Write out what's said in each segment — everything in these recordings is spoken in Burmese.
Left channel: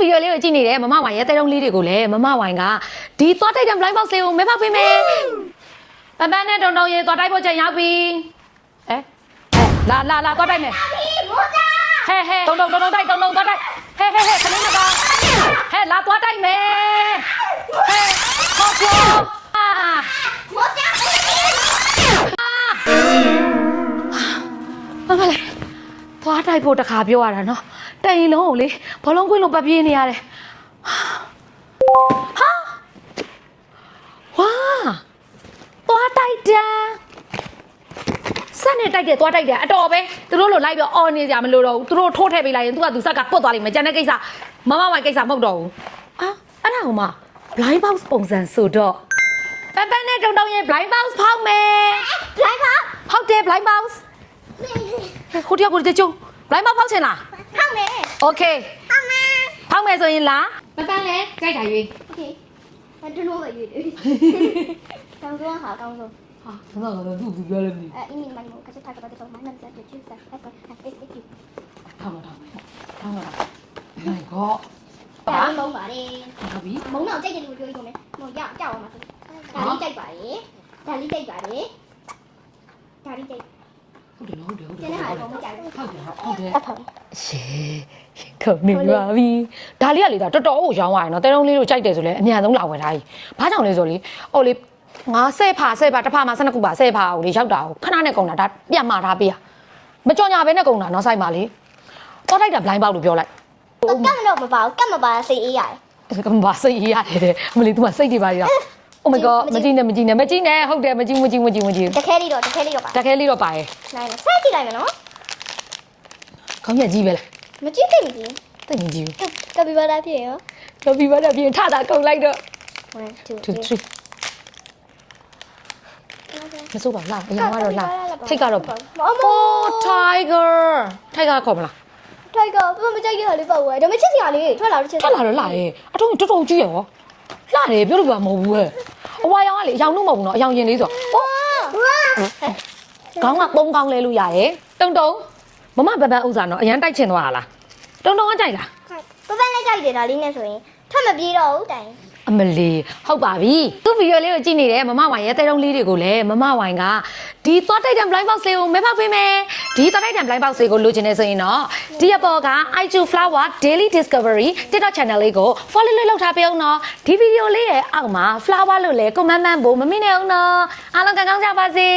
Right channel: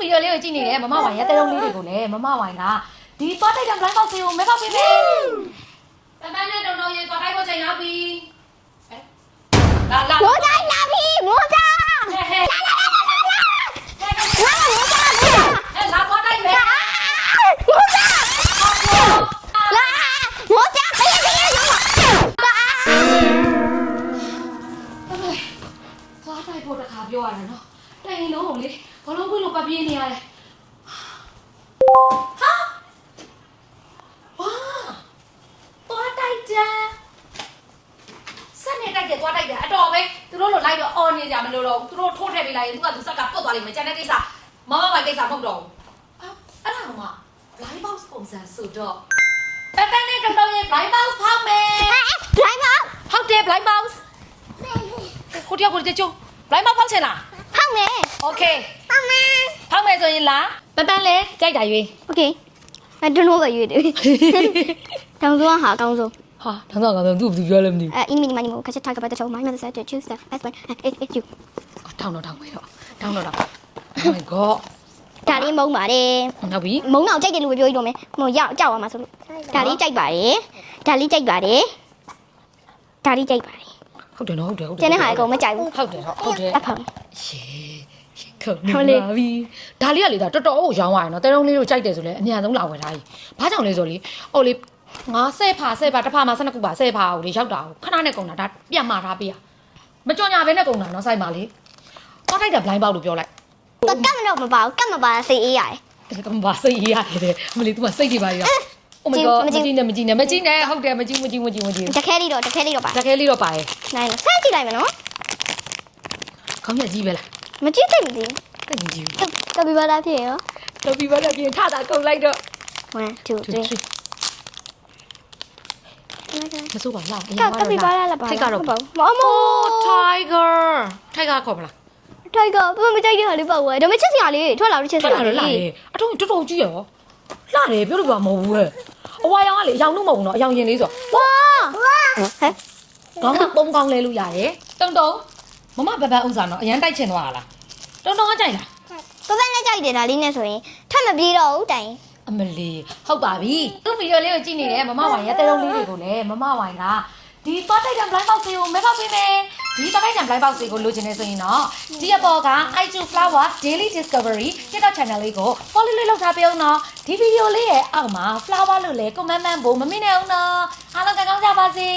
ဗီဒီယိုလေးကိုကြည့်နေတယ်မမဝိုင်ရဲ့တဲတုံးလေးတွေကိုလည်းမမဝိုင်ကဒီသွားတိုက်တဲ့ blind box တွေကိုမဲဖောက်ပေးမယ်ပန်းပန်းနဲ့တုံတုံရေသွားတိုက်ဖို့ချိန်ရောက်ပြီလာသွားတိုက်မယ်မိုးသား ဟဲတုံတိုက်ဟဲလာသွားတိုက်မယ်မိုးသားဘာလဲသွားတိုက်ဖို့တခါပြောရတာနော်တိုင်ရင်လုံးကိုလေဘောလုံးခွင်းလုံးပပြေးနေရတယ်ဟာဝါသွားတိုက်တယ်စက်နဲ့တိုက်တယ်သွားတိုက်တယ်အတော်ပဲသူတို့လိုလိုက်တော့အော်နေကြမလို့တော့သူတို့ထိုးထည့်ပေးလိုက်ရင်သူကသူစက်ကပုတ်သွားလိမ့်မယ်ကျန်တဲ့ကိစ္စမမဝိုင်ကိစ္စမဟုတ်တော့ဘူးအဲ့ဒါကမှ blind box ပုံစံဆိုတော့ပန်းပန်းနဲ့တုံတုံရင် blind box ဖောက်မယ် blind box ဟုတ်တယ် blind box ဟိုတယောက်ကိုတချို့ blind box ဖောက်ချင်လားဖောက်မယ် Okay ဖောက်မယ်ဆိုရင်လားပန်းပန်းလဲကြိုက်တာရွေး Okay I don't know what you do တောင်စုဟာကောင်းဆုံးဟာတောင်စုကတော့သူ့ဘယ်သူပြောလဲမသိဘူးin mini money ကချက်ထားကပတ်တဲ့ချုံ my mother said to choose the best one it's you ထောင်းတော့ထောင်းမယ်တော့ထောင်းတော့ Oh my god ဒါလေးမုံပါတယ်ဟုတ်ပြီမုံတော့ကြိုက်တယ်လို့ပြောရတော့မယ်ဟိုရောက်ကြောက်အောင်ပါဆိုလို့ဒါလေးကြိုက်ပါတယ်ဒါလေးကြိုက်ပါတယ်ဒါလေးကြိုက်ပါတယ်ဟုတ်တယ်နော်ဟုတ်တယ်ကျန်တဲ့ဟာအကုန်မကြိုက်ဘူးဟုတ်တယ်ဟုတ်တယ်အဖေရှေခုန်နေပါပြီဒါလေးကလေတော်တော်ကိုရောင်းသွားရနော်တဲတုံးလေးတို့ကြိုက်တယ်ဆိုလဲအများဆုံးလာဝယ်ထားကြီးဘာကြောင့်လဲဆိုလေဟိုလေငါဆဲဖာတစ်ဖာမှာ12ခုပါဆဲဖာကိုလေရောက်တာကိုခဏနဲ့ကုန်တာဒါပြန်မှာထားပေးရမကြော်ညာပဲနဲ့ကုန်တာနော်ဆိုင်မှာလေတော့လိုက်တယ် blind box လို့ပြောလိုက်က တ်မလို့မပါဘူးကတ်မပါစိတ်အေးရတယ်ကမ္ဘာစိတ်အေးရတယ်မလေး तू ကစိတ်တွေပါရOh my god မကြည့်နဲ့ဟုတ်တယ်မကြည့်တခဲလေးတော့ပါတခဲလေးတော့ပါရဲ့နိုင်လားဆက်ကြည့်လိုက်မယ်နော်ခေါင်းနဲ့ကြည့်ပဲလားမကြည့်သိဘူးတိတ်မကြည့်ဘူးကပီဘာလာဖြစ်ရောကပီဘာလာပြင်ထတာကုန်လိုက်တော့1 2 3မစိုးပါလားအရင်ကတော့လားထိတ်ကတော့မโอ้ tiger ခေါ်မလားထိုက်ကဘယ်မကြိုက်ရလေးပေါ့ဝဲဒါမှချစ်စရာလေးထွက်လာလို့ချစ်စရာလာတယ်အထုံးတော်တော်ကြီးရောလာတယ်ပြောလို့ကမဟုတ်ဘူးဟဲ့အဝါရောင်ကလေအယောင်လို့မဟုတ်ဘူးနော်အယောင်ရင်လေးဆိုဝါခေါင်းကပုံကောင်းလဲလို့ရတယ်တုံမမပပဥစားနော်အရန်တိုက်ချင်သွားတာလားတုံကကြိုက်လားပပလည်းကြိုက်တယ်ဒါလေးနဲ့ဆိုရင်ထပ်မပြေတော့ဘူးတိုင်အမလီဟုတ်ပါပြီသူ့ဗီဒီယိုလေးကိုကြည့်နေတယ်မမဝိုင်ရဲ့တဲတုံးလေးတွေကိုလည်းမမဝိုင်ကဒီသွားတိုက်တဲ့ blind box တွေကိုမဲဖောက်ပေးမယ်ဒီသွားတိုက်တဲ့ blind box တွေကိုလိုချင်နေဆိုရင်တော့ဒီအပေါ်က i2 flower daily discovery TikTok channel လေးကို follow လုပ်ထားပေးအောင်နော်ဒီဗီဒီယိုလေးရဲ့အောက်မှာ flower လို့လဲ comment ဖို့မမေ့နဲ့အောင်နော်အားလုံးကောင်းကြပါစေ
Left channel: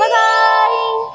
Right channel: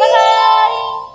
bye bye